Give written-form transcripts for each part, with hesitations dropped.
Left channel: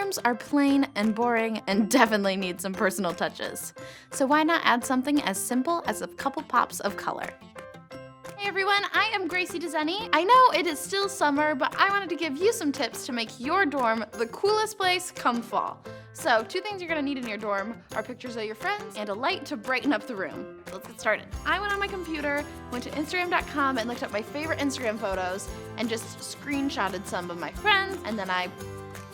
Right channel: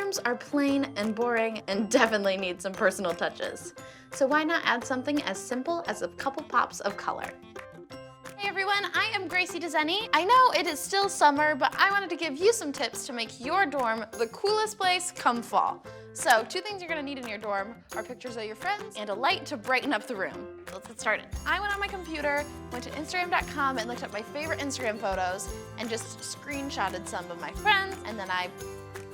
rooms are plain and boring and definitely need some personal touches. So why not add something as simple as a couple pops of color? Hey everyone, I am Gracie Dezenny. I know it is still summer, but I wanted to give you some tips to make your dorm the coolest place come fall. So, 2 things you're gonna need in your dorm are pictures of your friends and a light to brighten up the room. Let's get started. I went on my computer, went to Instagram.com and looked up my favorite Instagram photos and just screenshotted some of my friends, and then I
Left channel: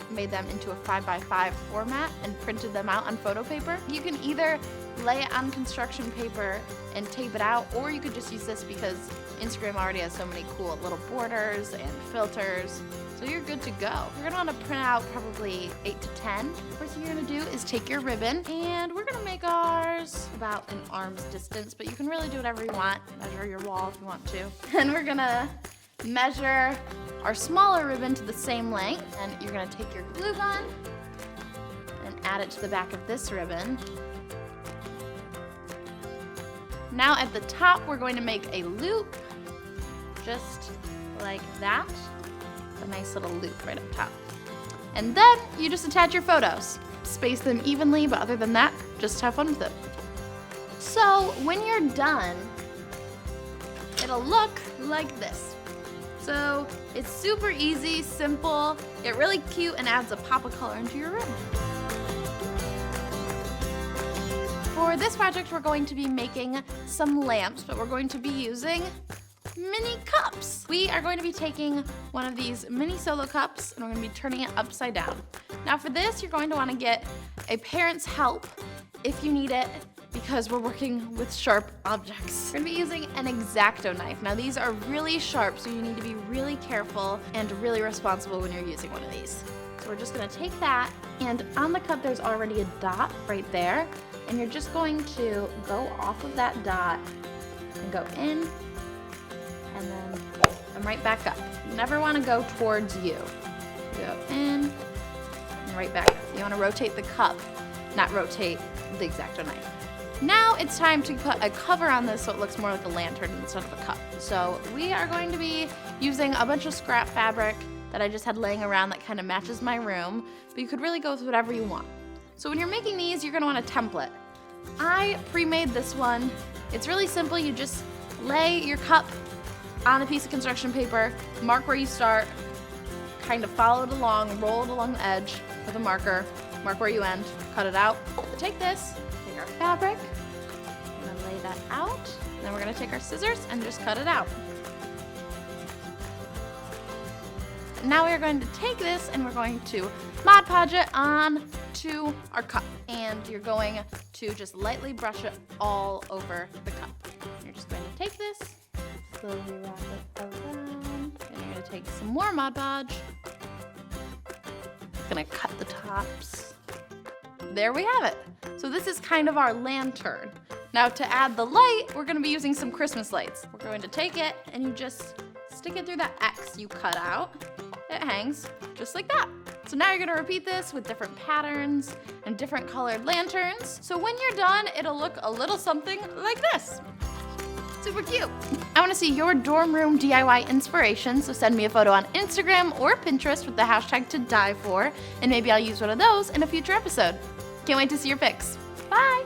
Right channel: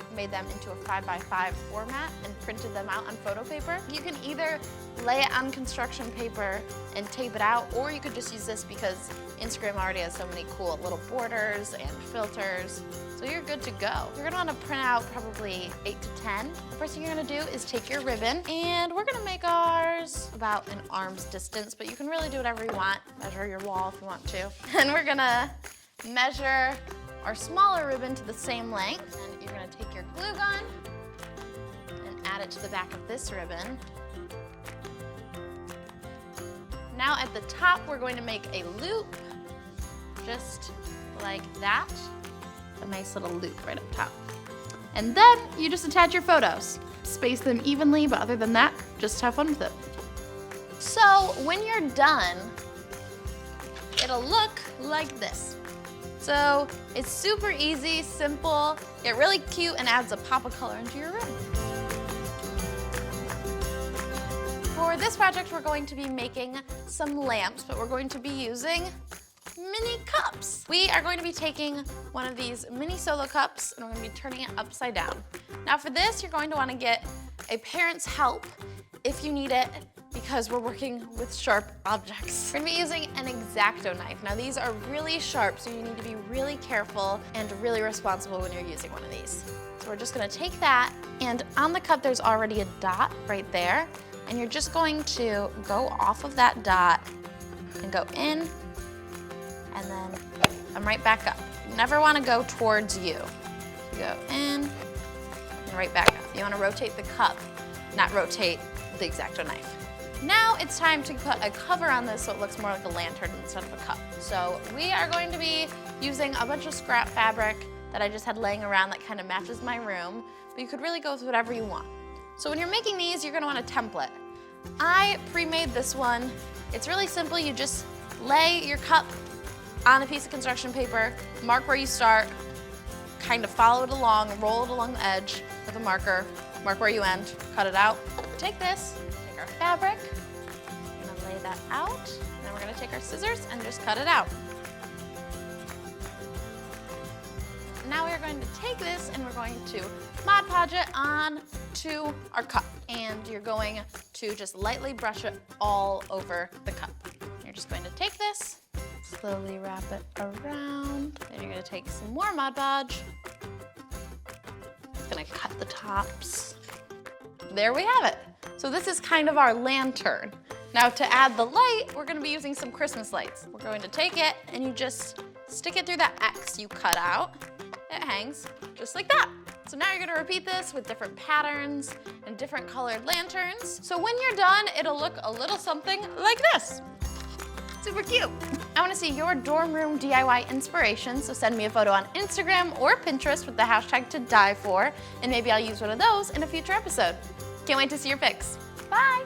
made them into a 5x5 format and printed them out on photo paper. You can either lay it on construction paper and tape it out, or you could just use this because Instagram already has so many cool little borders and filters, so you're good to go. You're gonna wanna print out probably 8 to 10. The first thing you're gonna do is take your ribbon, and we're gonna make ours about an arm's distance, but you can really do whatever you want. Measure your wall if you want to. And we're gonna measure our smaller ribbon to the same length, and you're gonna take your glue gun and add it to the back of this ribbon. Now at the top, we're going to make a loop, just like that. A nice little loop right up top. And then you just attach your photos. Space them evenly, but other than that, just have fun with it. So when you're done, it'll look like this. So it's super easy, simple, get really cute, and adds a pop of color into your room. For this project, we're going to be making some lamps, but we're going to be using mini cups. We are going to be taking one of these mini solo cups and we're going to be turning it upside down. Now for this, you're going to want to get a parent's help if you need it, because we're working with sharp objects. We're gonna be using an exacto knife. Now these are really sharp, so you need to be really careful and really responsible when you're using one of these. So we're just gonna take that, and on the cup there's already a dot right there, and you're just going to go off of that dot and go in, and then come right back up. You never wanna go towards you. Go in, and right back up. You wanna rotate the cup, not rotate the exacto knife. Now it's time to put a cover on this so it looks more like a lantern instead of a cup. So we are going to be using a bunch of scrap fabric that I just had laying around that kind of matches my room, but you could really go with whatever you want. So when you're making these, you're gonna want a template. I pre-made this one. It's really simple. You just lay your cup on a piece of construction paper, mark where you start, kind of follow it along, roll it along the edge with a marker, mark where you end, cut it out. Take this, take our fabric, and then lay that out. And then we're gonna take our scissors and just cut it out. Now we're going to take this and we're going to Mod Podge it on to our cup. And you're going to just lightly brush it all over the cup. You're just going to take this, slowly wrap it around. Then you're gonna take some more Mod Podge. Gonna cut the tops. There we have it. So this is kind of our lantern. Now to add the light, we're gonna be using some Christmas lights. We're going to take it and you just stick it through that X you cut out. It hangs just like that. So now you're gonna repeat this with different patterns and different colored lanterns. So when you're done, it'll look a little something like this. Super cute. I want to see your dorm room DIY inspiration, so send me a photo on Instagram or Pinterest with the hashtag #ToDieFor, and maybe I'll use one of those in a future episode. Can't wait to see your pics. Bye!